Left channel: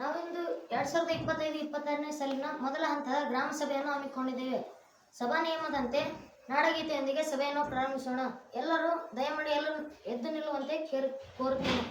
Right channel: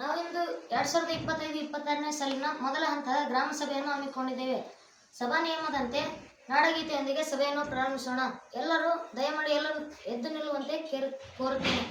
ನಾವಿಂದು 2025-26ನೇ ಸಾಲಿನ ಮೊದಲ ಹಂತದ ಗ್ರಾಮ ಸಭೆಯನ್ನು ಹಮ್ಮಿಕೊಂಡಿದ್ದೇವೆ. ಸಭಾ ನಿಯಮದಂತೆ ನಾಡಗೀತೆಯೊಂದಿಗೆ ಸಭೆಯನ್ನು ಪ್ರಾರಂಭಿಸೋಣ. ಎಲ್ಲರೂ ದಯಮಾಡಿ ಎಲ್ಲರೂ ಎದ್ದು ನಿಲ್ಲುವಂತೆ ಕೋರುತ್ತೇನೆ.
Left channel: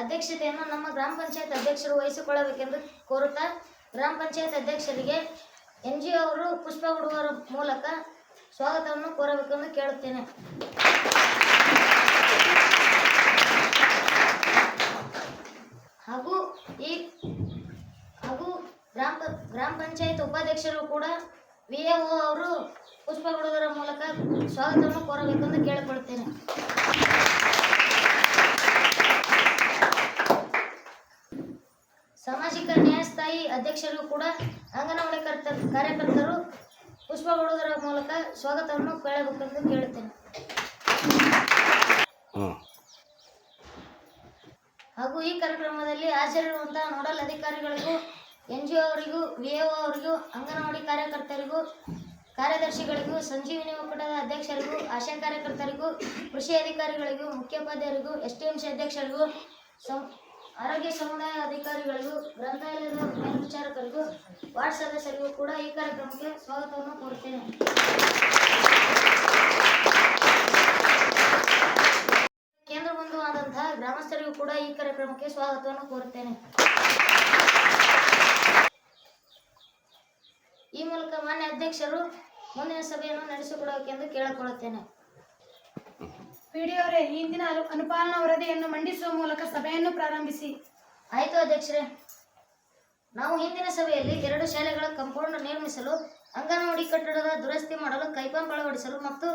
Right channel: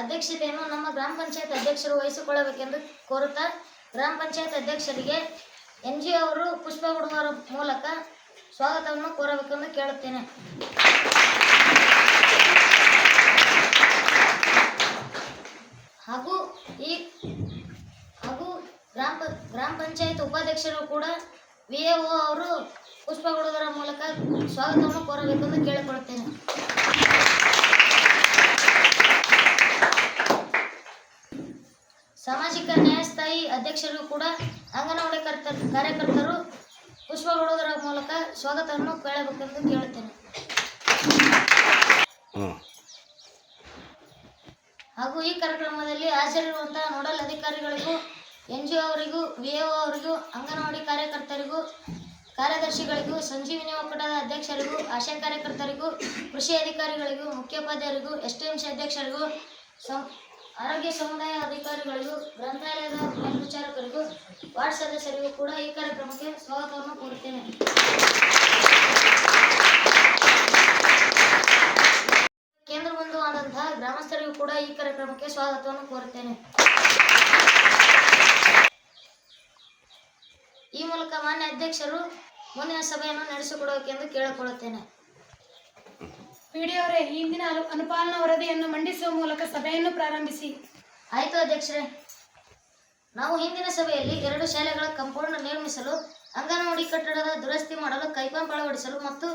ಅಧ್ಯಕ್ಷತೆಯನ್ನು ನಮ್ಮ ಗ್ರಾಮ ಪಂಚಾಯತ್ ಅಧ್ಯಕ್ಷರು ವಹಿಸಿಕೊಳ್ಳಬೇಕೆಂದು ಕೋರುತ್ತಾ ಗ್ರಾಮ ಪಂಚಾಯತ್ ಅಧ್ಯಕ್ಷರಿಗೆ NGO ಅವರು ಪುಷ್ಪ ಕೊಡುವ ಮೂಲಕ ಸ್ವಾಗತವನ್ನು ಕೋರಬೇಕೆಂದು ಕೇಳುತ್ತೇನೆ. ಹಾಗೂ ಗ್ರಾಮ ಪಂಚಾಯತ್ ಉಪಾಧ್ಯಕ್ಷರು ಕೂಡ VAO ಅವರು ಪುಷ್ಪ ಕೊಡುವುದರ ಮೂಲಕ ಸ್ವಾಗತವನ್ನು ಕೋರಬೇಕೆಂದು ಕೇಳಿಕೊಳ್ಳುತ್ತೇನೆ. ಸಾಮಾಜಿಕ ನ್ಯಾಯಸ್ಥಾಯಿ ಅಧ್ಯಕ್ಷರಿಗೂ ಕೂಡ ಅಂಗನವಾಡಿ ಕಾರ್ಯಕರ್ತರು ಪುಷ್ಪ ಕೊಡುವುದರ ಮೂಲಕ ಸ್ವಾಗತವನ್ನು ಕೇಳಬೇಕೆಂದು ಕೇಳುತ್ತೇನೆ. ಹಾಗೂ ಈ ಕಾರ್ಯಕ್ರಮದಲ್ಲಿ ಹಾಜರಿರುವಂತಹ ನೋಡಲ್ ಅಧಿಕಾರಿಗಳಿಗೂ NGO ಅವರಿಗೂ VAO ಅವರಿಗೂ ಅಂಗನವಾಡಿ ಕಾರ್ಯಕರ್ತರಿಗೂ ಕಾರ್ಯದರ್ಶಿಗಳಿಗೂ ಸಂಜೀವಿನಿ ಒಕ್ಕೂಟದ ಅಧ್ಯಕ್ಷರಿಗೂ ಆಶಾ ಕಾರ್ಯಕರ್ತರಿಗೂ ಕೃಷಿ ಅಧಿಕಾರಿಗಳಿಗೂ ಮುಖ್ಯೋಪಾಧ್ಯಾಯರಿಗೂ STMC ಅಧ್ಯಕ್ಷರಿಗೂ ಆರೋಗ್ಯ ಸಮುದಾಯ ಅಧಿಕಾರಿಗಳಿಗೂ ಗ್ರಂಥಾಲಯದ ಮೇಲ್ವಿಚಾರಕರಿಗೂ ವಾರ್ಡ್ ಸದಸ್ಯರಿಗೂ ಕೂಡ ಈ ಕಾರ್ಯಕ್ರಮಕ್ಕೆ ಸ್ವಾಗತವನ್ನು ಕೋರುತ್ತೇನೆ. ಕೇಂದ್ರ ಬಂಧು ಆದಂತಹ ಗ್ರಾಮಸ್ಥರಿಗೂ ಕೂಡ ಈ ಕಾರ್ಯಕ್ರಮಕ್ಕೆ ಸ್ವಾಗತವನ್ನು ಕೋರುತ್ತೇನೆ. ಈ ಮೂಲಕ ಮಾನ್ಯ ಅಧ್ಯಕ್ಷರು ಮುಂದಿನ ಸಭೆಯನ್ನು ನಡೆಸಿಕೊಡಬೇಕೆಂದು ಕೇಳಿಕೊಳ್ಳುತ್ತೇನೆ. PDO ಅವರೇ, ಹಿಂದಿನ ಅನುಪಾಲನಾ ವರದಿಯನ್ನು ಮಂಡಿಸುವ ಮೂಲಕ ಸಭೆಯನ್ನು ಪ್ರಾರಂಭಿಸಿ. ಆಯಿತು ಅಧ್ಯಕ್ಷರೇ. ನಾವು ಹಿಂದಿನ ಸಭೆಯಲ್ಲಿ 2 ಶಾಲೆಗಳ ಕಾಂಪೌಂಡ್ ನಿರ್ಮಿಸಲು, ಅಂಗನವಾಡಿ ಕಟ್ಟಡದ ದುರಸ್ತಿ ಮಾಡಲು, ಕೈಪಂಪ್ ಅಳವಡಿಸಲು ಮತ್ತು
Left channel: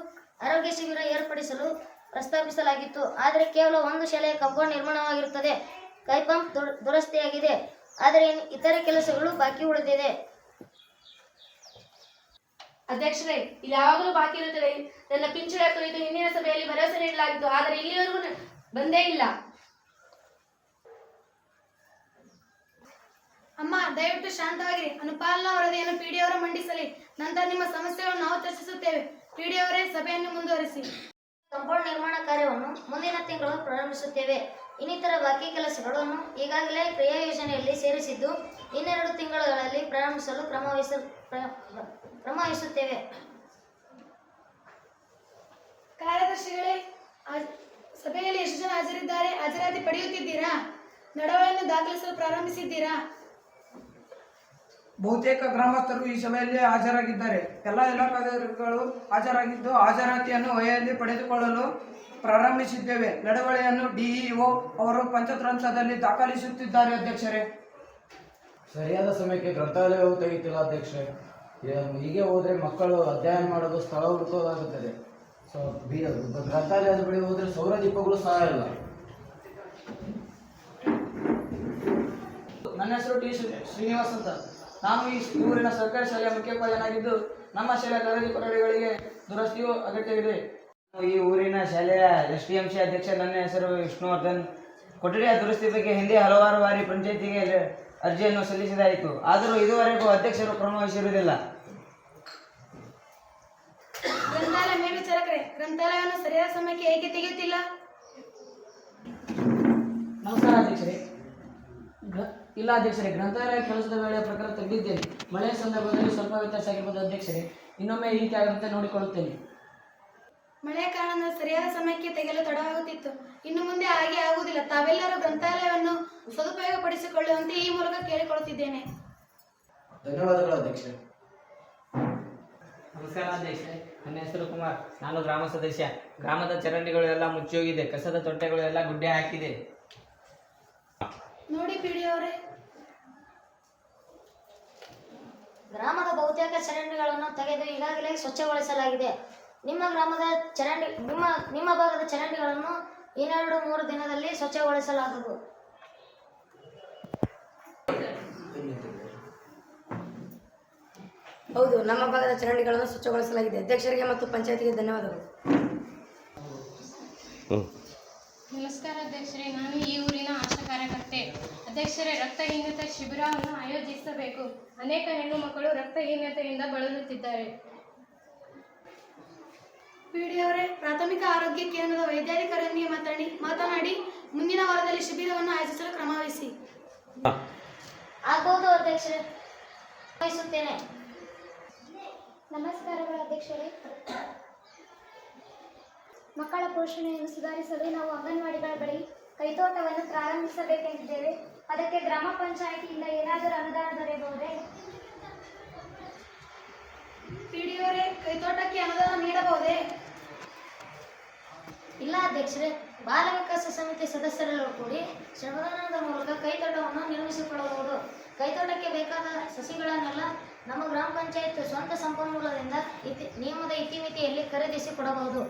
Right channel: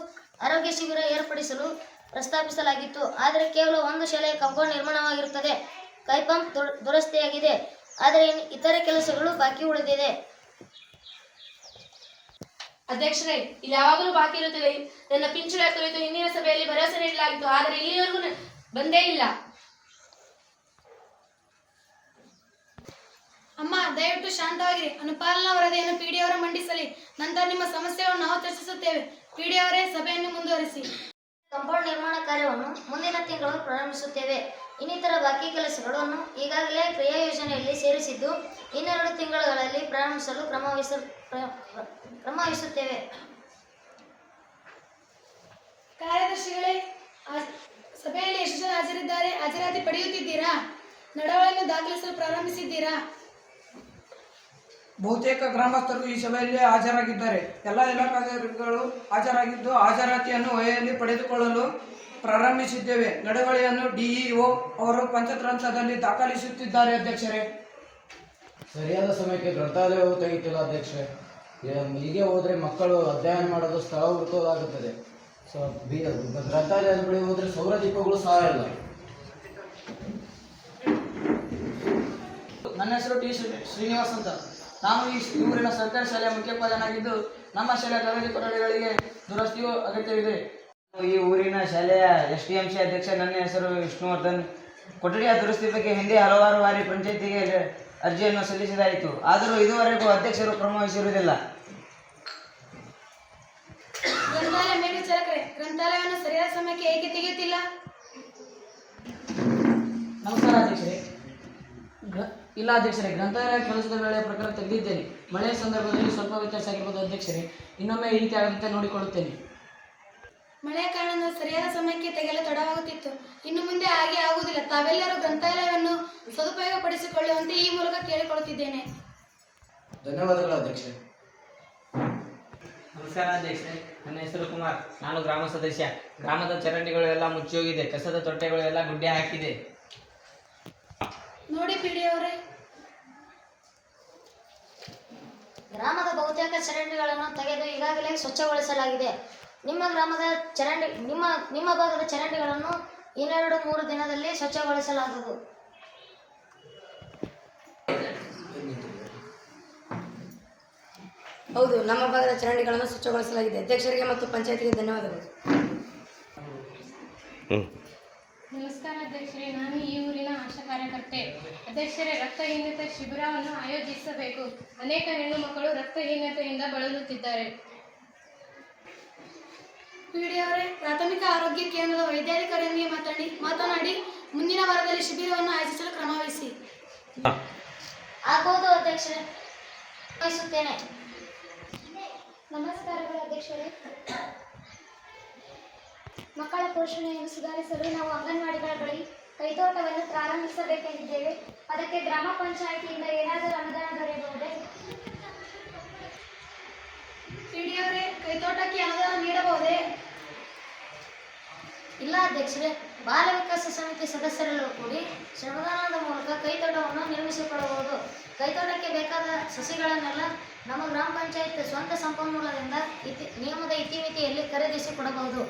ಆರೋಗ್ಯ ಶಿಬಿರ ಏರ್ಪಡಿಸಲು ಪ್ರಸ್ತಾಪಿಸಲಾಗಿತ್ತು. ಆದರೆ ಕೇವಲ 1 ಶಾಲೆಯ ಕಾಂಪೌಂಡ್ ನಿರ್ಮಾಣವಾಗಿರುತ್ತದೆ. ಕೈಪಂಪ್ ದುರಸ್ತಿಯಾಗಿದೆ, ಆದರೆ ಇತರೆ ಕೆಲಸಗಳು ಬಾಕಿ ಉಳಿದಿದೆ. ಅಧ್ಯಕ್ಷರೇ, ಇದು ಯಾವಾಗಲೂ ಬಾಕಿ ಇರುತ್ತದೆ. ನನ್ನ ಪಿಂಚಣಿ ಕುರಿತು ಹಿಂದಿನ ಸಭೆಯಲ್ಲಿ ಭರವಸೆ ನೀಡಲಾಗಿತ್ತು, ಆದರೆ ಇಲ್ಲಿವರೆಗೂ ಬಂದೇ ಇಲ್ಲ. ಅಮ್ಮ, ದಯವಿಟ್ಟು ಶಾಂತವಾಗಿರಿ. ಅನುಪಾಲನಾ ವರದಿಯನ್ನು PDO ಅವರು ಮಂಡಿಸಲಿ. ನಂತರ ನಿಮ್ಮ ಸಮಸ್ಯೆಗಳನ್ನು ನಾವು ಚರ್ಚಿಸುತ್ತೇವೆ. PDO ಅವರೇ, ಸಭೆಯನ್ನು ಮುಂದುವರಿಸಿ. ಕಾಂಪೌಂಡ್ ನಿರ್ಮಾಣ ಕಾರ್ಯವನ್ನು ಮುಂದಿನ ತಿಂಗಳು ಪ್ರಾರಂಭಿಸುತ್ತೇವೆ. ಇನ್ನಿತರ ಬಾಕಿ ಕೆಲಸಗಳನ್ನು ಈಗಾಗಲೇ ಕ್ರಿಯಾ ಯೋಜನೆಯಲ್ಲಿ ಸೇರಿಸಿದ್ದು, ಇನ್ನೆರಡು ತಿಂಗಳಲ್ಲಿ ಪ್ರಾರಂಭಿಸಲು ಕ್ರಮ ವಹಿಸುತ್ತೇವೆ. ಕಾರ್ಯದರ್ಶಿಗಳೇ, ಸಭೆಯಲ್ಲಿ ಎಷ್ಟು ಜನ ಹಾಜರಿದ್ದಾರೆ? ಹಾಜರಾತಿ ಪಡೆಯುತ್ತಿದ್ದೀರಾ? ನಡವಳಿಕೆಯನ್ನು ದಾಖಲಿಸಲು ಪ್ರಾರಂಭಿಸಿದ್ದೀರಾ? ಬಹುತೇಕ ಗ್ರಾಮಸ್ಥರು ಈ ಸಭೆಯಲ್ಲಿ ಹಾಜರಾಗಿದ್ದಾರೆ. ಎಲ್ಲ ಇಲಾಖಾಧಿಕಾರಿಗಳು ಹಾಜರಾಗಿದ್ದು ಹಾಜರಾತಿಯನ್ನು ವಹಿಯಲ್ಲಿ ಪಡೆದುಕೊಳ್ಳಲು ಪ್ರಾರಂಭಿಸಿದ್ದೇವೆ. ನಡವಳಿಕೆಯನ್ನು ಡಿಇಒ ಅವರು ಪಂಚತ್ರಾಂಶದಲ್ಲಿ ದಾಖಲಿಸುತ್ತಿದ್ದಾರೆ. ಅಧ್ಯಕ್ಷರೇ, ಸರಿಯಾದ ಸಮಯಕ್ಕೆ ಗ್ರಂಥಾಲಯವು ತೆಗೆಯುತ್ತಿಲ್ಲ ಅಧ್ಯಕ್ಷರೇ. ಹೀಗೆ ಹೋದರೆ ಮಕ್ಕಳು ಅಧ್ಯಯನ ಮಾಡೋದು ಸ್ಥಳ ಹುಡುಕೋದಾಗುತ್ತದೆ. ಗ್ರಂಥಾಲಯದ ಬಳಿ ಹೋದರೆ ಸೌರ ದೀಪಗಳು ಸಹ ಇಲ್ಲ. ನನ್ನ ಹೆಸರು ಟಿ ಶ್ರೀನಿವಾಸ್ ಅಂತ. ನಾನು ಈ ಊರಿನ ಸರ್ಕಾರಿ ಶಾಲೆಯ ಮುಖ್ಯೋಪಾಧ್ಯಾಯನಾಗಿದ್ದು ನಮ್ಮ ಶಾಲೆಯ ತರಗತಿ ಕೊಠಡಿಗಳಿಗೆ ದುರಸ್ತಿಯು ಅಗತ್ಯವಿದೆ. ಈ ಊರಿನ ಶಾಲೆಯ STMC ಅಧ್ಯಕ್ಷ. ನನ್ನ ಹೆಸರು ವಿಷ್ಣುವರ್ಧನ್. ಕೊಠಡಿಯ ದುರಸ್ತಿ ಬಗ್ಗೆ ಹಿಂದೆ ಹಲವಾರು ಬಾರಿ ಪಂಚಾಯಿತಿಗೆ ಅರ್ಜಿಯನ್ನು ಸಲ್ಲಿಸಿದಾಯಿತು. ಆದರೂ ಇದುವರೆಗೂ ಅಧ್ಯಕ್ಷರು ಕ್ರಮ ವಹಿಸಿರುವುದಿಲ್ಲ. ಗ್ರಂಥಾಲಯ ಮೇಲ್ವಿಚಾರಕರೇ, ಗ್ರಂಥಾಲಯವನ್ನು ಸರಿಯಾದ ಸಮಯಕ್ಕೆ ಏಕೆ ತೆಗೆಯುತ್ತಿಲ್ಲ? ನಮಸ್ಕಾರ ಅಧ್ಯಕ್ಷರೇ. ಇಲ್ಲ ಅಧ್ಯಕ್ಷರೇ, ಗ್ರಂಥಾಲಯ ಕೆಲಸದ ವೇಳೆಯ ಪ್ರಕಾರ ತೆಗೆದಿದ್ದೇನೆ. ಮಳೆಯ ಸಂದರ್ಭದಲ್ಲಿ ಸ್ವಲ್ಪ ವ್ಯತ್ಯಾಸ ಆಗಿರ್ಬೋದು ಅಧ್ಯಕ್ಷರೇ. ಇನ್ನೊಮ್ಮೆ ಈ ರೀತಿ ಆಗದಂತೆ ನೋಡಿಕೊಳ್ಳುತ್ತೇನೆ. ಮಳೆಯ ಕಾರಣದಿಂದ ಸರಿಯಾದ ಸಮಯಕ್ಕೆ ತೆಗೆಯಲು ತಡವಾಗುತ್ತಿತ್ತು. ಇನ್ನು ಮುಂದೆ ಹಾಗೆ ಆಗುವುದಿಲ್ಲ. ತಾವೆಲ್ಲರೂ ಗ್ರಂಥಾಲಯವನ್ನು ಸದುಪಯೋಗಪಡಿಸಿಕೊಳ್ಳುವಂತೆ ಈ ಮೂಲಕ ಕೇಳಿಕೊಳ್ಳುತ್ತಿದ್ದೇನೆ. ಧನ್ಯವಾದಗಳು ಅಧ್ಯಕ್ಷರೇ. ನಮಸ್ಕಾರ ಅಧ್ಯಕ್ಷರೇ. ನನ್ನ ಹೆಸರು ಕುಮಾರ್. ನಾನು ಗ್ರಾಮ ಸದಸ್ಯ. ಗ್ರಾಮದ ಚರಂಡಿಗಳು ಎಲ್ಲ ಮುಚ್ಚೋಗಿದೆ. ಕಸದ ತೊಟ್ಟೆಗಳು ಎಲ್ಲ ಗುಡ್ಡೆ ಹಾಕಿದೆ. ನೋಡಿ ಪಿಡಿಯವರೇ, ಗ್ರಾಮದ ಬಹುತೇಕ ಚರಂಡಿಗಳನ್ನು ತೆಗೆದು ಈಗಾಗಲೇ ಸ್ವಚ್ಛಗೊಳಿಸಲಾಗಿದೆ. ನಿಮ್ಮ ಭಾಗದ ಚರಂಡಿಗಳನ್ನು 2-3 ದಿನದಲ್ಲಿ ಸ್ವಚ್ಛಗೊಳಿಸಲಾಗುವುದು. ಹೌದು, ನಮ್ಮ ಭಾಗದ ಚರಂಡಿಗಳನ್ನು ಸ್ವಚ್ಛಗೊಳಿಸಲಾಗಿದೆ. ಅಧ್ಯಕ್ಷರಿಗೆ ಮತ್ತು ಪಂಚಾಯತಿಗೆ ಧನ್ಯವಾದಗಳು. ನಮಸ್ಕಾರ ಅಧ್ಯಕ್ಷರೇ. ನಾನು ಈ ಊರಿನ ಆಶಾ ಕಾರ್ಯಕರ್ತೆ. ಅಧ್ಯಕ್ಷರೇ, ರಕ್ತಹೀನತೆ ಶಿಬಿರವನ್ನು ಆಯೋಜಿಸಬೇಕು. ಅನೇಕ ಹೆಣ್ಣು ಮಕ್ಕಳು ರಕ್ತಹೀನತೆಯಿಂದ ಬಳಲುತ್ತಿದ್ದಾರೆ. ಪಿಡಿಯವರೇ, ಪ್ರಾಥಮಿಕ ಆರೋಗ್ಯ ಕೇಂದ್ರದ ವೈದ್ಯಾಧಿಕಾರಿಯೊಂದಿಗೆ ಮಾತನಾಡಿ ಮುಂದಿನ ವಾರದಲ್ಲಿ ಶಿಬಿರವನ್ನು ಆಯೋಜಿಸಲು ಕ್ರಮ ವಹಿಸಿ. ಆಗಬಹುದು ಅಧ್ಯಕ್ಷರೇ, ವಹಿಸುತ್ತೇನೆ. ನಮಸ್ಕಾರಗಳು ಅಧ್ಯಕ್ಷರೇ. ಮಕ್ಕಳ ಪೋಷಣೆಯನ್ನು ಸುಧಾರಿಸಲು ನಾವು ಅಂಗನವಾಡಿಗಳ ಬಳಿ ಕೈತೋಟವನ್ನು ಪ್ರಾರಂಭಿಸಬೇಕೆಂದಿದ್ದೇವೆ. ಅದಕ್ಕೆ ಗ್ರಾಮ ಪಂಚಾಯಿತಿಯಿಂದ ಏನಾದರೂ ಅನುದಾನ ದೊರೆಯಬಹುದೇ? ಪಿಡಿಯವರೇ, ಕೈತೋಟಕ್ಕೆ ಅನುದಾನ ನೀಡಬಹುದೇ? ಇಲ್ಲ ಅಧ್ಯಕ್ಷರೇ, ಬಾಲ ವಿಕಾಸ ಸಮಿತಿ ಸದಸ್ಯರೆಲ್ಲರೂ ಕೂಡಿ ಶ್ರಮದಾನದ ಮೂಲಕ ಕೈತೋಟವನ್ನು ನಿರ್ಮಿಸಿಕೊಳ್ಳಬಹುದು. ಕೈತೋಟಕ್ಕೆ ಬೇಕಾದ ಸಸಿಗಳನ್ನೆಲ್ಲ ನಮ್ಮ ಗ್ರಾಮ ಪಂಚಾಯತ್ ಸ್ವಂತ ಸಂಪನ್ಮೂಲದಿಂದ ನಿಯಮದ ಇತಿಮಿತಿಯಲ್ಲಿ ಖರೀದಿಸಿ ಕೊಡಬಹುದು.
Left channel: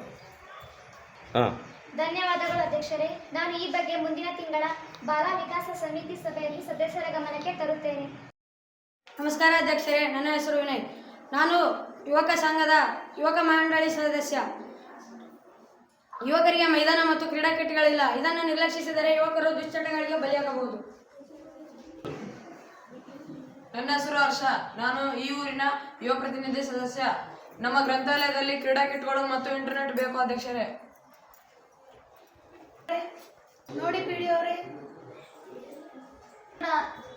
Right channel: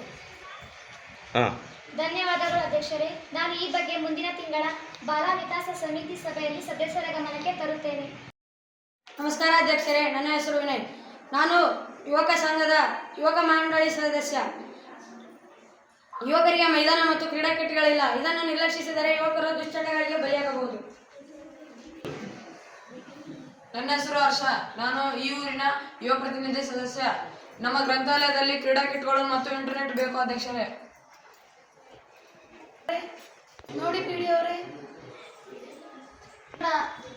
ಧನ್ಯವಾದಗಳು ಅಧ್ಯಕ್ಷರೇ. ನಾನು ಈ ಬಗ್ಗೆ ಮುಂದಿನ ತಿಂಗಳ ಬಾಲ ವಿಕಾಸ ಸಮಿತಿ ಸಭೆಯಲ್ಲಿ ಸದಸ್ಯರ ಗಮನಕ್ಕೆ ತರುತ್ತೇನೆ. ನಮಸ್ಕಾರ ಅಧ್ಯಕ್ಷರೇ, ನನ್ನ ಹೆಸರು ವಿನಯ್. ನಾನು ಯುವಕ ಸಂಘದ ಯುವಕ ಮಂಡಳಿ ಸದಸ್ಯ. ಯುವಕರಿಗೆ ಮೈದಾನ ಮತ್ತು ಕ್ರೀಡಾ ಕಿಟ್ಗಳಿಲ್ಲ. ಇದನ್ನು ನಿರ್ಲಕ್ಷಿಸಿದರೆ ಯುವಕರು ದುಶ್ಚಟಗಳಿಗೆ ಬಲಿಯಾಗಬಹುದು. ನನ್ನ ಹೆಸರು ಹರ್ಷ. ನಾನು ಈ ಊರಿನ ಯುವ ಪ್ರತಿನಿಧಿ ಸದಸ್ಯ. ನಮ್ಮ ಗ್ರಂಥಾಲಯದಲ್ಲಿ ಕ್ರೀಡಾ ಕಿಟ್ಗಳು ಮತ್ತು ಇಂಟರ್ನೆಟ್ ಬೇಕು ಅಧ್ಯಕ್ಷರೇ. ನೋಡಿ ಪಿಡಿಯವರೇ,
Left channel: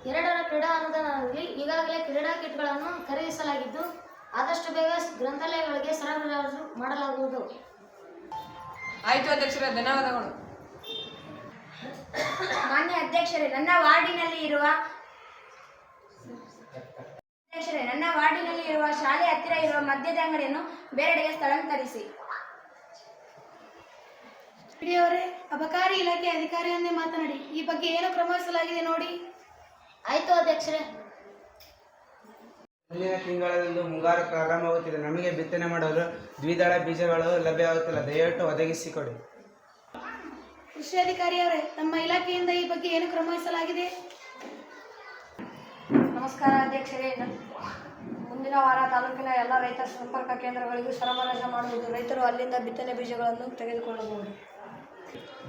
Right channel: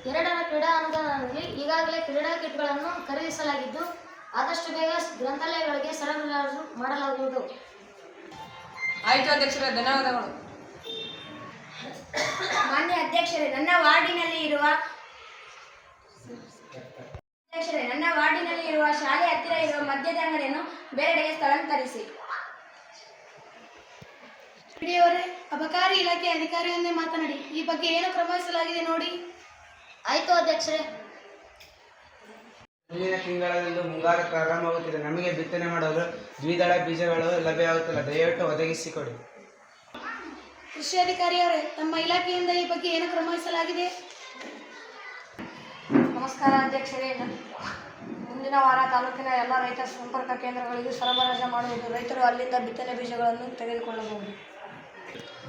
2ರ ಕ್ರೀಡಾ ಅನುದಾನದಲ್ಲಿ ಈಗಾಗಲೇ ಕ್ರೀಡಾ ಕಿಟ್ಗಳನ್ನು ಖರೀದಿಸಲಾಗಿದ್ದು ಆದಷ್ಟು ಬೇಗ ಗ್ರಂಥಾಲಯಗಳಿಗೆ ಸರಬರಾಜು ಮಾಡಲಾಗುವುದು. ಆಯಿತು ಅಧ್ಯಕ್ಷರೇ, ಧನ್ಯವಾದಗಳು. ಮಾನ್ಯ ಅಧ್ಯಕ್ಷರೇ, ನನ್ನ ವಾರ್ಡಿನಲ್ಲಿ ಇರುವ ಶಾಲೆ ಹತ್ತಿರ ಇರುವ ಮದ್ಯದ ಅಂಗಡಿಯನ್ನು ಬೇರೆಡೆಗೆ ಸ್ಥಳಾಂತರಿಸಿ. ಪಿಡಿಯವರೇ, ಅಬಕಾರಿ ಇಲಾಖೆ ಅಧಿಕಾರಿಯೊಂದೇ ಮಾತನಾಡಿ ಈ ಬಗ್ಗೆ ಏನು ಕ್ರಮ ವಹಿಸಲಾಗಿದೆ ನೋಡಿ. ಆಯಿತು ಅಧ್ಯಕ್ಷರೇ. ಮುಂದಿನ ತಿಂಗಳಲ್ಲೂ ಮುಂಗಾರು ಪ್ರಾರಂಭವಾಗುತ್ತಿದೆ. ನಮಗೆ ಬಿತ್ತನೆ ಮಾಡಲು ದ್ವಿದಳ ಬೀಜಗಳು ಲಭ್ಯವಾಗುತ್ತಿಲ್ಲ. ದಯವಿಟ್ಟು ಒದಗಿಸಿಕೊಡಿ. ಕೃಷಿ ಅಧಿಕಾರಿಯವರೇ, ತಮ್ಮ ಇಲಾಖೆಯಿಂದ ಈ ಬಗ್ಗೆ ಏನು ಕ್ರಮ ವಹಿಸಲಾಗಿದೆ? ನಮಸ್ಕಾರ ಅಧ್ಯಕ್ಷರೇ. ಮುಂದಿನ ವಾರ ತಾಲೂಕಿನ ಎಲ್ಲ ರೈತ ಸಂಪರ್ಕ ಕೇಂದ್ರಗಳಿಗೂ ಸರಬರಾಜು ಮಾಡುವುದು. ರೈತರು ಅಲ್ಲಿಂದ ಬಿತ್ತನೆ ಬೀಜಗಳನ್ನು ತೆಗೆದುಕೊಳ್ಳಬಹುದು.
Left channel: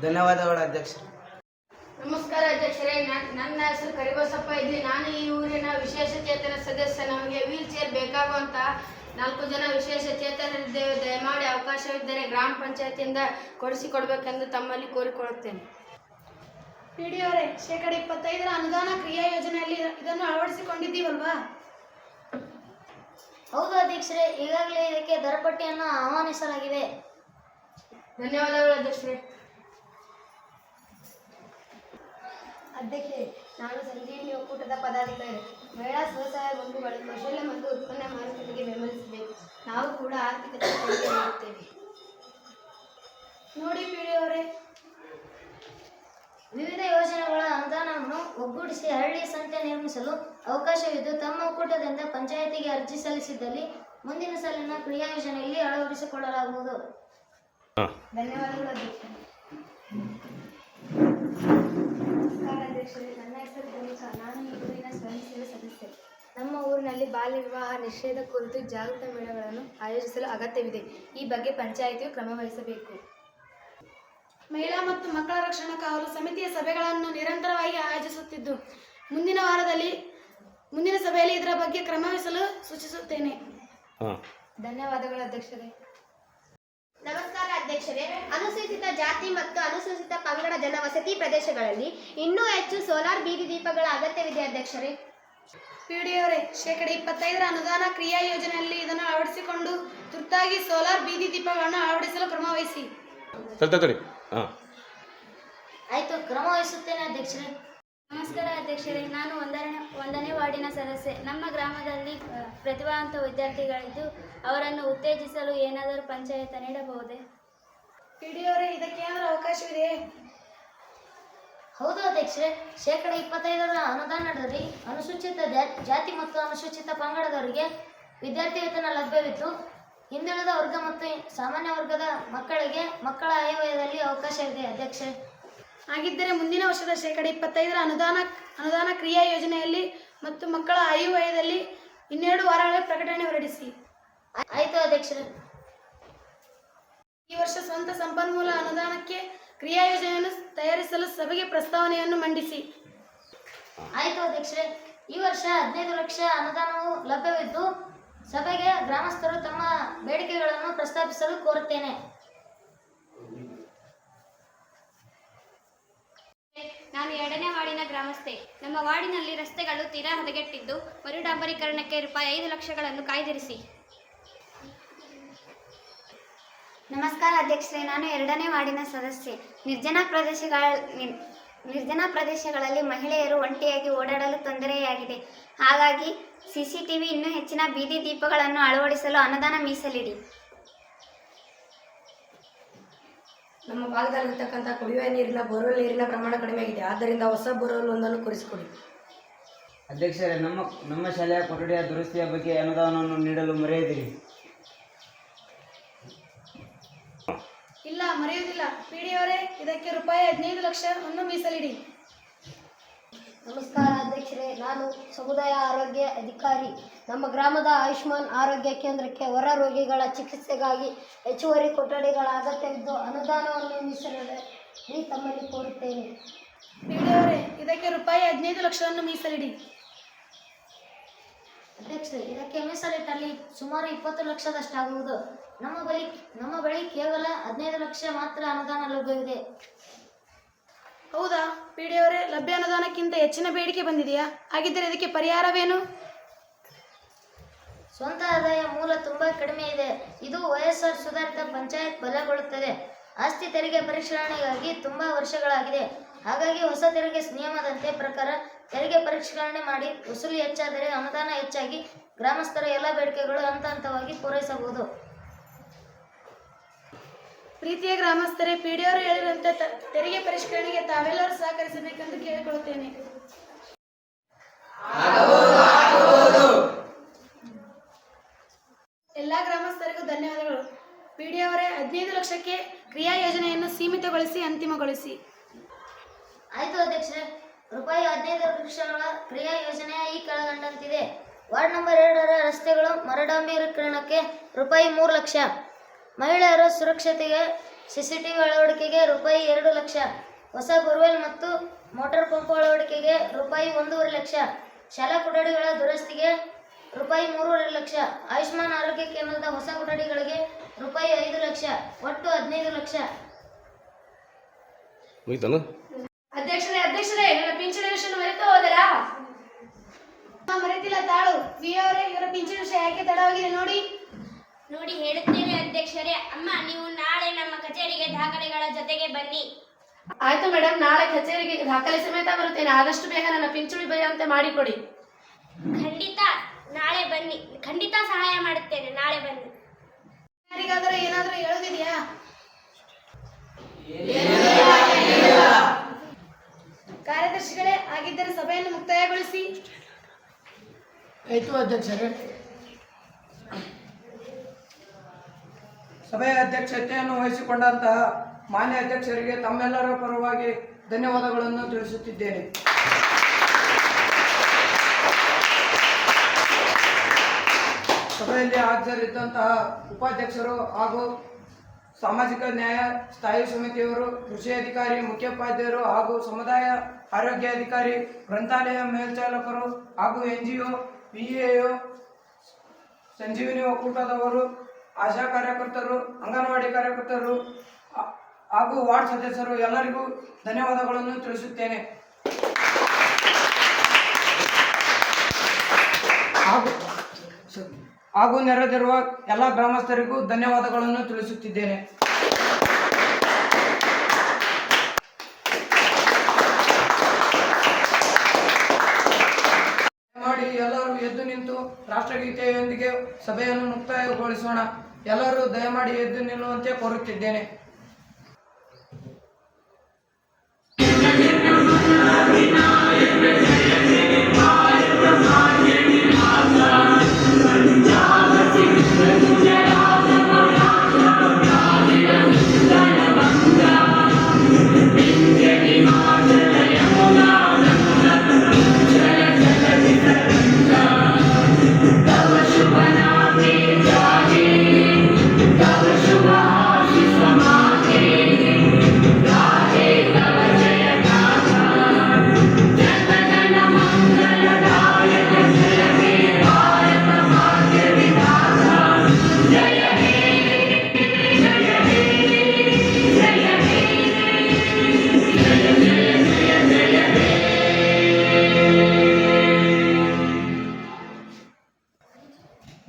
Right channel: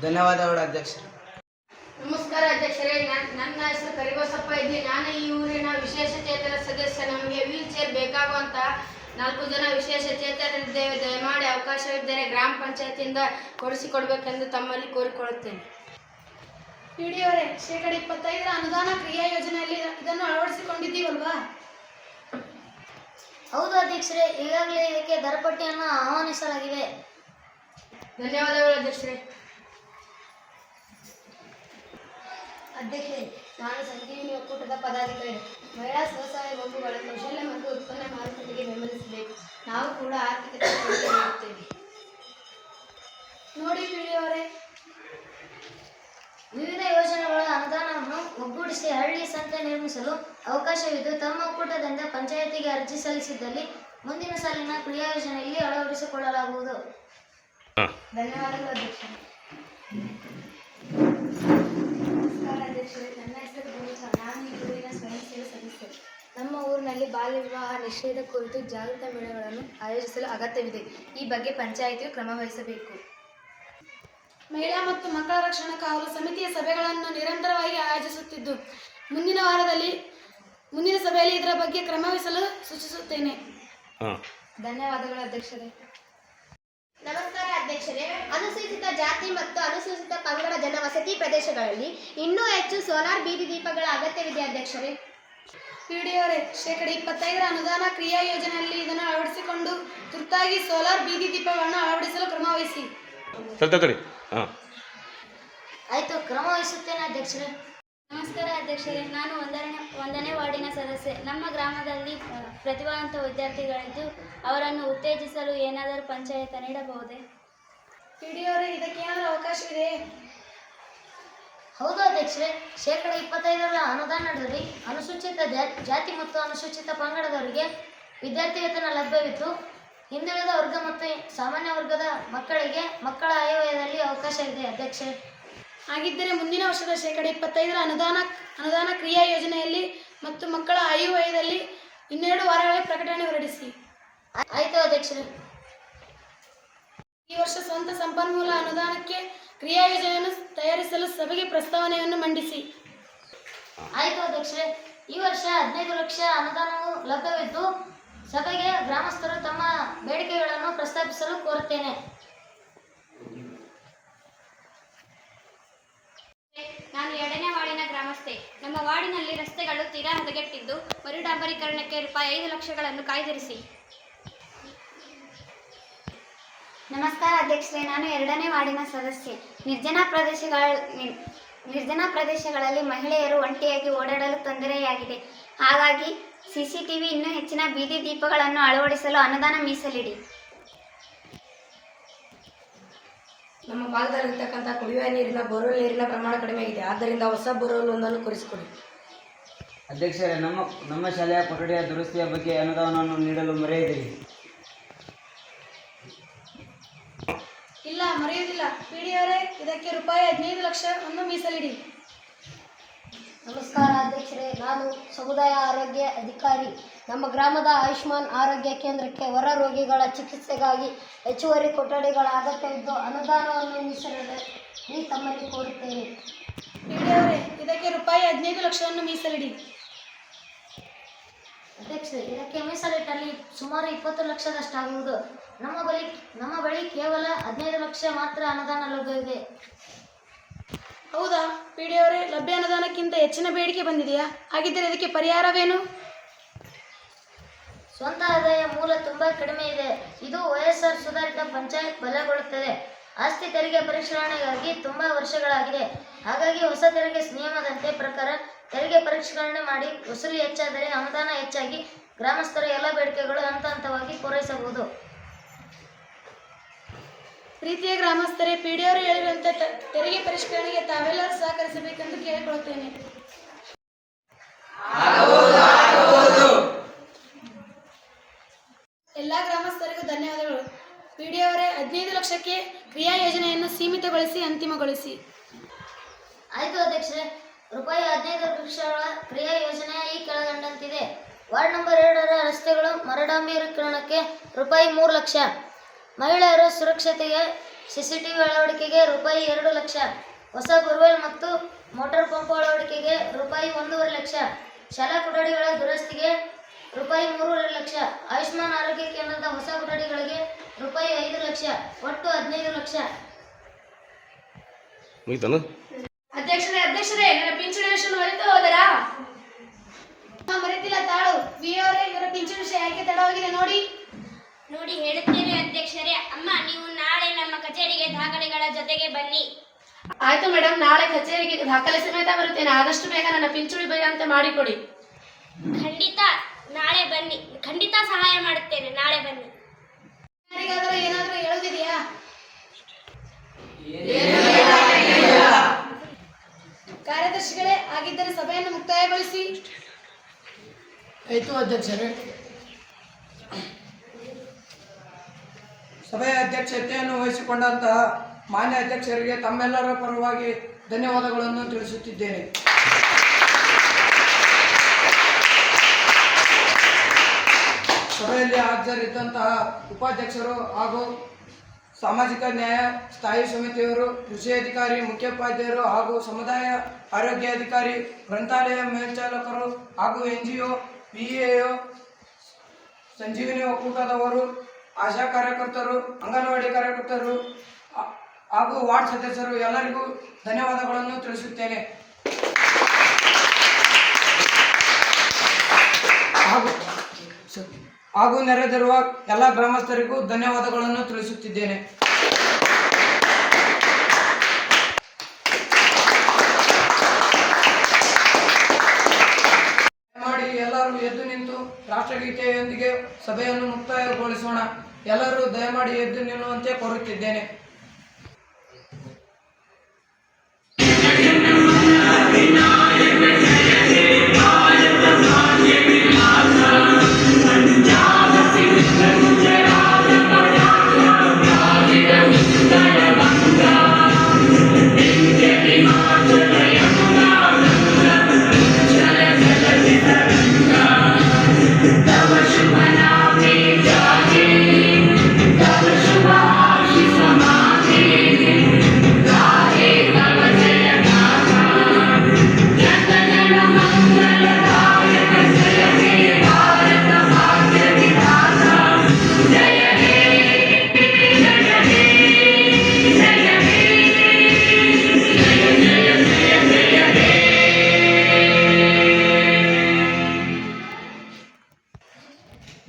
ಧನ್ಯವಾದಗಳು ಅಧ್ಯಕ್ಷರೇ. ನಮಸ್ಕಾರ ಅಧ್ಯಕ್ಷರೇ. ನನ್ನ ಹೆಸರು ಕರಿಬಸಪ್ಪ ಇದ್ದಿ. ನಾನು ಈ ಊರಿನ ವಿಶೇಷ ಚೇತನ ಸದಸ್ಯ. ನಮಗೆ ವೀಲ್ ಚೇರ್ ಬೇಕಾಗುವಂತ 4 ಜನ ವಿಶೇಷ ಚೇತನರಿದ್ದೇವೆ. ದಯಮಾಡಿ ಅವಕಾಶವಿದ್ದರೆ ಗ್ರಾಮ ಪಂಚಾಯತಿಯಿಂದ ಕೊಡಿಸಿಕೊಡ್ಬೇಕೆಂದು ತಮ್ಮಲ್ಲಿ ಕೋರಿಕೊಳ್ಳುತ್ತೇನೆ. ಪಿಡಿಯವರೇ, ಶೇಕಡ 25ರ ಅನುದಾನ ಕ್ರಿಯಾ ಯೋಜನೆಯಲ್ಲಿ ಇದನ್ನು ಅಳವಡಿಸಿಕೊಂಡಿದ್ದೀವಲ್ವಾ? ಹೌದು ಅಧ್ಯಕ್ಷರೇ, ಈಗಾಗಲೇ ಇದಕ್ಕೆ ದರಪಟ್ಟಿಯನ್ನು ಆಹ್ವಾನಿಸಲಾಗಿದೆ. ಧನ್ಯವಾದಗಳು ಅಧ್ಯಕ್ಷರೇ. ಅಧ್ಯಕ್ಷೆ, ನಾನು ಸಂಜೀವಿನಿ ಒಕ್ಕೂಟದ ಪದಾಧಿಕಾರಿ. ಮಹಿಳಾ ಸ್ವಸಹಾಯ ಗುಂಪುಗಳು ಕೌಶಲ್ಯ ಮತ್ತು ಉತ್ಪನ್ನ ಮಾರುಕಟ್ಟೆಗೆ ಬೆಂಬಲಿಸಬೇಕು. ನಾವು ಕೂಡ ಆರ್ಥಿಕತೆ ಕೊಡುಗೆ ನೀಡುತ್ತೇವೆ. ನೋಡಿ ಪಿಡಿಯವರೇ, ವಿವಿಧ ಯೋಜನೆಗಳ ಅನುದಾನವನ್ನು ಒಗ್ಗೂಡಿಸಿ ಹಳ್ಳಿ ಸಂತೆ ನಿರ್ಮಿಸಲು ಅವಕಾಶವಿದ್ದು, ತಮ್ಮ ಒಕ್ಕೂಟದಿಂದ ಪಂಚಾಯಿತಿಗೆ ಅರ್ಜಿ ಸಲ್ಲಿಸಿದ್ದಲ್ಲಿ ಮುಂದಿನ ಸಾಲಿನ ಕ್ರಿಯಾ ಯೋಜನೆಯಲ್ಲಿ ಅಳವಡಿಸಿಕೊಳ್ಳಲಾಗುವುದು. ಧನ್ಯವಾದಗಳು ಅಧ್ಯಕ್ಷರೇ. ನಮಸ್ಕಾರ ಅಧ್ಯಕ್ಷರೇ, ನನ್ನ ಹೆಸರು ಭೂಮಿಕಾ. ನಾನು ಈ ಊರಿನ ಸ್ವಯಂ ಸೇವಾ ಸದಸ್ಯೆ. ನಮ್ಮ ಊರಿನಲ್ಲಿ ಬಾಲ್ಯ ವಿವಾಹ ನಿಷೇಧ ಕುರಿತು ಜಾಗೃತ ಮೇಳಗಳನ್ನು ಆಯೋಜಿಸಲು ಅಗತ್ಯವಿದೆ. ಈ ಬಗ್ಗೆ ಪಂಚಾಯಿತಿಯು ಕ್ರಮ ವಹಿಸಬೇಕು. ಮಹಿಳಾ ಮತ್ತು ಮಕ್ಕಳ ರಕ್ಷಣಾ ಕಾವಲು ಸಮಿತಿಯ ಸಭೆಗಳನ್ನು ನಿರಂತರವಾಗಿ ಆಯೋಜಿಸುತ್ತಿದ್ದು, ಮುಂದಿನ ಸಭೆಯಲ್ಲಿ ಇದರ ಬಗ್ಗೆ ಕ್ರಮ ವಹಿಸಲು ಸೂಚಿಸುತ್ತೇನೆ. ಧನ್ಯವಾದಗಳು ಅಧ್ಯಕ್ಷರೇ. ನಮಸ್ಕಾರ ಅಧ್ಯಕ್ಷರೇ. ಅನುಸೂಚಿತ ಜಾತಿ ಮತ್ತು ಅನುಸೂಚಿತ ಪಂಗಡ ಜನವಸತಿ ಪ್ರದೇಶಗಳಲ್ಲಿ ಇನ್ನೂ ಹೆಚ್ಚು ಸೋಲಾರ್ ಬೀದಿ ದೀಪಗಳ ಅಗತ್ಯವಿದೆ ಅಧ್ಯಕ್ಷರೇ. ಪಿಡಿಯವರೇ, ಶೇಕಡ 25 ಅನುದಾನ ಕ್ರಿಯಾ ಯೋಜನೆಯಲ್ಲಿ ಇದನ್ನು ಅಳವಡಿಸಿಕೊಂಡು ತುರ್ತಾಗಿ ಸೋಲಾರ್ ಬೀದಿ ದೀಪಗಳನ್ನು ಅಳವಡಿಸಲು ಕ್ರಮ ವಹಿಸಿ. ಆಯಿತು, ಕ್ರಮ ವಹಿಸುತ್ತೇನೆ ಅಧ್ಯಕ್ಷರೇ. ನಮಸ್ಕಾರ ಅಧ್ಯಕ್ಷರೇ, ನಾನು ಒಂದನೇ ವಾರ್ಡಿನ ಸದಸ್ಯೆ. ನಮ್ಮ ಗ್ರಾಮದಲ್ಲಿ ಪ್ರತಿಭಾವಂತ ವಿದ್ಯಾರ್ಥಿಗಳಿದ್ದು ಅವರನ್ನು ಉತ್ತೇಜಿಸಲು ಏನಾದರೂ ಪಂಚಾಯತ ನೀಡಬಹುದೇ? ಪಿಡಿಯವರೇ, ಇದಕ್ಕೇನಾದರೂ ಅವಕಾಶವಿದೆ? ಹೌದು ಅಧ್ಯಕ್ಷರೇ, ಶೇಕಡ 25 ಅನುದಾನದಲ್ಲಿ ಅನುಸೂಚಿತ ಜಾತಿ ಮತ್ತು ಅನುಸೂಚಿತ ಪಂಗಡದವರಿಗೆ ವಿದ್ಯಾರ್ಥಿ ವೇತನ ಲಭ್ಯವಿದ್ದು, ಹಿಂದುಳಿದ ವರ್ಗ ಮತ್ತು ಸಾಮಾನ್ಯ ವರ್ಗದ ಮಕ್ಕಳಿಗೆ ಮಕ್ಕಳ ಆಯವ್ಯಯದಲ್ಲಿ ಅವಕಾಶವಿದೆ ಅಧ್ಯಕ್ಷರೇ. ಹಾಗಿದ್ದರೆ ಮುಂದಿನ ವರ್ಷದ ಶೇಕಡ 25 ಅನುದಾನ ಕ್ರಿಯಾ ಯೋಜನೆಯಲ್ಲಿ ಮತ್ತು ಮಕ್ಕಳ ಆಯವ್ಯಯದಲ್ಲಿ 12 ವಾರಗಳಲ್ಲಿ ಪ್ರಕಟಣೆ ಹೊರಡಿಸಿ. ಆಯಿತು ಅಧ್ಯಕ್ಷರೇ. ಈ ವರ್ಷ ಸ್ವಂತ ಸಂಪನ್ಮೂಲ ಅನುದಾನಕ್ಕೆ ಕ್ರಿಯಾ ಯೋಜನೆಯನ್ನು ತಯಾರಿಸಲು ಸಭೆಗೆ ಪ್ರಸ್ತಾವನೆಯನ್ನು ಮಂಡಿಸಿ. ಆಯಿತು ಅಧ್ಯಕ್ಷರೇ. ಈ ವರ್ಷ 15 ಲಕ್ಷ ಅನುದಾನವು ಲಭ್ಯವಿದ್ದು, ಸಭೆಗೆ ಗ್ರಾಮಸ್ಥರು ತಮ್ಮ ಬೇಡಿಕೆಗಳನ್ನು ಪ್ರಸ್ತಾಪಿಸಲು ಕೋರುತ್ತೇನೆ. ನಾನು 2ನೇ ವಾರ್ಡಿನ ಗ್ರಾಮಸ್ಥೆ. ನಮ್ಮ ವಾರ್ಡಿನಲ್ಲಿ ರಸ್ತೆಗಳು ತೀರಾ ಹದಗೆಟ್ಟಿದ್ದು, ಮರುಡಾಂಬರೀಕರಣಕ್ಕೆ ₹5 ಲಕ್ಷಗಳನ್ನು ಕಾಯ್ದಿರಿಸಿ. ನಮಸ್ಕಾರ ಅಧ್ಯಕ್ಷರೇ, ನಾನು 2ನೇ ವಾರ್ಡಿನ ಸದಸ್ಯೆ. ನಿರ್ಜನ ಪ್ರದೇಶಗಳಲ್ಲಿ ಮಹಿಳೆಯರು ಒಂಟಿಯಾಗಿ ಓಡಾಡಲು ತೊಂದರೆಯಾಗಿದೆ. ಹಾಗಾಗಿ CCTV ಇನ್ನೂ ಹೆಚ್ಚಿನ ಬೀದಿ ದೀಪಗಳನ್ನು ಅಳವಡಿಸಲು ಅನುದಾನ ಮೀಸಲಿಡಿ. ನಮ್ಮ ಭಾಗದಲ್ಲಿರ್ತಕ್ಕಂಥ ಕುಡಿಯುವ ನೀರಿನ ಬೋರ್ವೆಲ್ ನೀರಿನ ಪ್ರಮಾಣ ಕಡಿಮೆಯಾಗಿದೆ. ಆದ್ದರಿಂದ ಹೊಸ ಬೋರ್ವೆಲ್ ಒಂದನ್ನು ಕೊಡಿಸಿಕೊಡಿ. ಅಧ್ಯಕ್ಷರೇ, ನಮ್ಮ ಶಾಲೆಯ ಕೊಠಡಿಯ ದುರಸ್ತಿಯ ಬಗ್ಗೆ ಅನುದಾನವನ್ನು ನೀಡಲು ಮರೆಯದಿರಿ. ಇಲ್ಲ, ಮರೆಯುವುದಿಲ್ಲ. ಪಿಡಿಯವರೇ, ಇದಕ್ಕೆ ₹15 ಲಕ್ಷವನ್ನು ಮೀಸಲಿಡಿ. ನಮಸ್ಕಾರ ಅಧ್ಯಕ್ಷರೇ, ನಾನು ಸಮುದಾಯ ಆರೋಗ್ಯ ಅಧಿಕಾರಿ. ನಮ್ಮ ಗ್ರಾಮದ ಆಯುಷ್ಮಾನ್ ಆರೋಗ್ಯ ಕೇಂದ್ರಕ್ಕೆ ಹೊರ ರೋಗಿಗಳ ಚಿಕಿತ್ಸೆಗಾಗಿ ಹೆಚ್ಚುವರಿ ಕೊಠಡಿಗಳ ಅಗತ್ಯವಿದ್ದು, ಅನುದಾನವನ್ನು ಮೀಸಲಿಡಲು ತಮ್ಮಲ್ಲಿ ಕೋರುತ್ತೇನೆ. ಪಿಡಿಯವರೇ, ಇದಕ್ಕೆ ₹15 ಲಕ್ಷವನ್ನು ಮೀಸಲಿಡಿ. ಅಧ್ಯಕ್ಷರೇ, ಇದಕ್ಕೆ ಮೀಸಲಿಟ್ಟಲ್ಲಿ ಸುಮಾರು 20 ಲಕ್ಷದಷ್ಟಾಗುವುದು. ನಮ್ಮ ಬಳಿ ಕೇವಲ 15 ಲಕ್ಷ ಮಾತ್ರ ಅನುದಾನ ಲಭ್ಯವಿದೆ. ಹೌದಾ ಪಿಡಿಯವರೇ, ಲಭ್ಯ ಅನುದಾನಕ್ಕಿಂತ ಹೆಚ್ಚಿನ ಬೇಡಿಕೆ ಬಂದಿದೆಯಾ? ಹಾಗಿದ್ದರೆ ಇದಕ್ಕೆ ಪರಿಹಾರವೇನು? ಸ್ವಂತ ಆದಾಯ ಮೂಲ ತುಂಬಾ ಕಡಿಮೆ ಇದೆ. ಇದು OSR ಸುಧಾರಿತ ಪಂಚಾಯತ್ ಬಲಗೊಳ್ಳುತ್ತದೆ. ಆಸ್ತಿ ತೆರಿಗೆ ಪರಿಷ್ಕರಣೆಗಾಗಿ ತುಂಬಾ ವರ್ಷಗಳಾಗಿದೆ. ಹಾಗಾಗಿ ಹೊಸ ತೆರಿಗೆ ನಿಯಮದಂತೆ ಪ್ರಕಾರ ತೆರಿಗೆ ಪರಿಷ್ಕರಣೆ ಮಾಡಿ ವಸೂಲಿ ಹೆಚ್ಚಾದರೆ ಅನುದಾನ ಹೆಚ್ಚಾಗಿ ಗ್ರಾಮಸ್ಥರ ಎಲ್ಲ ಬೇಡಿಕೆಗಳು ಹಂತ ಹಂತವಾಗಿ ಪೂರೈಸಬಹುದು. ಪ್ರೀತಿಯ ಗ್ರಾಮಸ್ಥರೇ, ಪಿಡಿಯವರು ಹೇಳಿರುವಂತೆ ತೆರಿಗೆ ಪರಿಷ್ಕರಣೆಗೆ ತಾವೆಲ್ಲರೂ ಸಹಕರಿಸಬೇಕೆಂದು ಕೇಳಿಕೊಳ್ಳುತ್ತೇನೆ. ಎಲ್ಲ ಗ್ರಾಮಸ್ಥರಿಗೂ ಧನ್ಯವಾದಗಳು. ಪಿಡಿಯವರೇ, 15 ಲಕ್ಷಕ್ಕೆ ಕ್ರಿಯಾ ಯೋಜನೆಯನ್ನು ಸೀಮಿತಗೊಳಿಸಿ ಅಂತಿಮಗೊಳಿಸಿ. ಆಯಿತು ಅಧ್ಯಕ್ಷರೇ. ₹15 ಲಕ್ಷಗಳ ಕ್ರಿಯಾ ಯೋಜನೆಯ ಈ ಕೆಳಕಂಡಂತಿದೆ. ವಾರ್ಡ್ ನಂಬರ್ 2ರ ರಸ್ತೆಗಳು ಮರುಡಾಂಬರೀಕರಣಕ್ಕೆ ₹3 ಲಕ್ಷ, ಮಹಿಳೆಯರ ಸುರಕ್ಷತೆಗೆ CCTV ಅಳವಡಿಕೆಗೆ ₹2 ಲಕ್ಷ, ಹೊಸ ಬೋರ್ವೆಲ್ ಮತ್ತು ಮೋಟಾರ್ ಪಂಪ್ ಅಳವಡಿಕೆಗೆ ₹1.5 ಲಕ್ಷ, ಶಾಲಾ ಕೊಠಡಿಗಳ ದುರಸ್ತಿಗೆ ₹3 ಲಕ್ಷ, ಆಯುಷ್ಮಾನ್ ಆರೋಗ್ಯ ಕೇಂದ್ರದ ಹೊಸ ಕೊಠಡಿಗಳಿಗೆ ₹5 ಲಕ್ಷ, ಒಟ್ಟು 15 ಲಕ್ಷ. ಅಧ್ಯಕ್ಷರೇ, ನನ್ನ ಪಿಂಚಣಿ ವಿಷಯ ಮರೆತು ಹೋದರಾ? ಮರೆತಿಲ್ಲ ತಾಳು. ವಿ ಅವರೇ, ಇವರ ಪಿಂಚಣಿ ವಿಷಯ ಯಾಕೆ ತಡ ತಡವಾಗಿದೆ ನೋಡಿ. ನೋಡಿ ಹೇಳುತ್ತೇನೆ ಅಧ್ಯಕ್ಷರೇ. ಅಮ್ಮ, ನೀವು ನಾಳೆ ನಮ್ಮ ಕಚೇರಿಗೆ ದಾಖಲೆಗಳ ಜೊತೆಗೆ ಬನ್ನಿ. ಆಯ್ತು ಮೇಡಮ್, ನಾಳೆ ಕಚೇರಿಗೆ ದಾಖಲೆ ಸಮೇತ ಬರುತ್ತೇನೆ. ಆದಷ್ಟು ಬೇಗ ನನ್ನ ಪಿಂಚುಳಿ ಬರೆಯುವಂತೆ ಮಾಡಿಕೊಡಿ. ಖಂಡಿತ ನಾಳೆ ಬನ್ನಿ, ಖಂಡಿತ ಸಹಾಯ ಮಾಡುತ್ತೇನೆ. ನಾಳೆ ಬನ್ನಿ. ಯಾರಿಗಾದರೂ ಏನಾದರೂ ಹೇಳೋದಿದೆಯಾ? ಕಾರ್ಯದರ್ಶಿಗಳೇ, ಆಗಿದ್ದರೆ ಸಭೆಯನ್ನು ಮುಕ್ತಾಯಗೊಳಿಸಿ. ಆಯಿತು ಅಧ್ಯಕ್ಷರೇ. ಸಭೆಯ ಅಧ್ಯಕ್ಷತೆಯನ್ನು ವಹಿಸಿಕೊಂಡಂತಹ ಮಾನ್ಯ ಅಧ್ಯಕ್ಷರಿಗೆ ತಮ್ಮೆಲ್ಲರ ಪರವಾಗಿ ಧನ್ಯವಾದಗಳನ್ನು ತಿಳಿಸುತ್ತಿದ್ದೇನೆ. ಸಭೆಯಲ್ಲಿ ಹಾಜರಿದ್ದಂತಹ ಉಪಾಧ್ಯಕ್ಷರು ಹಾಗೂ ಸಾಮಾಜಿಕ ನ್ಯಾಯ ಸ್ಥಾಯಿ ಸಮಿತಿಯವರು, ಕೃಷಿ ಅಧಿಕಾರಿ, ಮುಖ್ಯೋಪಾಧ್ಯಾಯರು ಹಾಗೂ ಸಮುದಾಯ ಆರೋಗ್ಯಾಧಿಕಾರಿ, ಗ್ರಂಥಾಲಯ ಮೇಲ್ಚಾಲಕರು ಹಾಗೂ NGO, PEO, ಸಂಜೀವಿನಿ ಒಕ್ಕೂಟದವರು, ಆಶಾ ಕಾರ್ಯಕರ್ತರು, ಅಂಗನವಾಡಿ ಕಾರ್ಯಕರ್ತರು ಹಾಗೂ ವಾರ್ಡ್ ಸದಸ್ಯರು ಎಲ್ಲರಿಗೂ ಧನ್ಯವಾದಗಳನ್ನು ತಿಳಿಸುತ್ತೇನೆ. ಹಾಗೂ ನೆರೆದಿರುವ ಎಲ್ಲ ಗ್ರಾಮಸ್ಥರಿಗೂ ಧನ್ಯವಾದಗಳನ್ನು ತಿಳಿಸುತ್ತಿದ್ದೇನೆ. ಮಾಡಿ ಎಲ್ಲರೂ ಎದ್ದು ನಿಂತು ರಾಷ್ಟ್ರಗೀತೆಯೊಂದಿಗೆ ಸಭೆಯನ್ನು ಮುಕ್ತಾಯಗೊಳಿಸೋಣ. ಎಲ್ಲರೂ ದಯಮಾಡಿ ಎದ್ದು ನಿಲ್ಲುವಂತೆ ಕೋರುತ್ತಿದ್ದೇನೆ.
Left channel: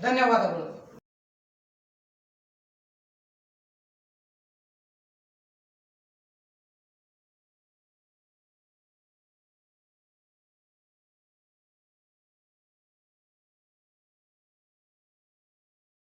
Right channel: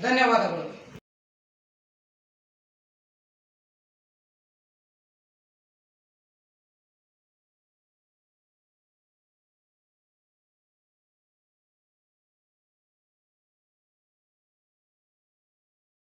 ಧನ್ಯವಾದಗಳು.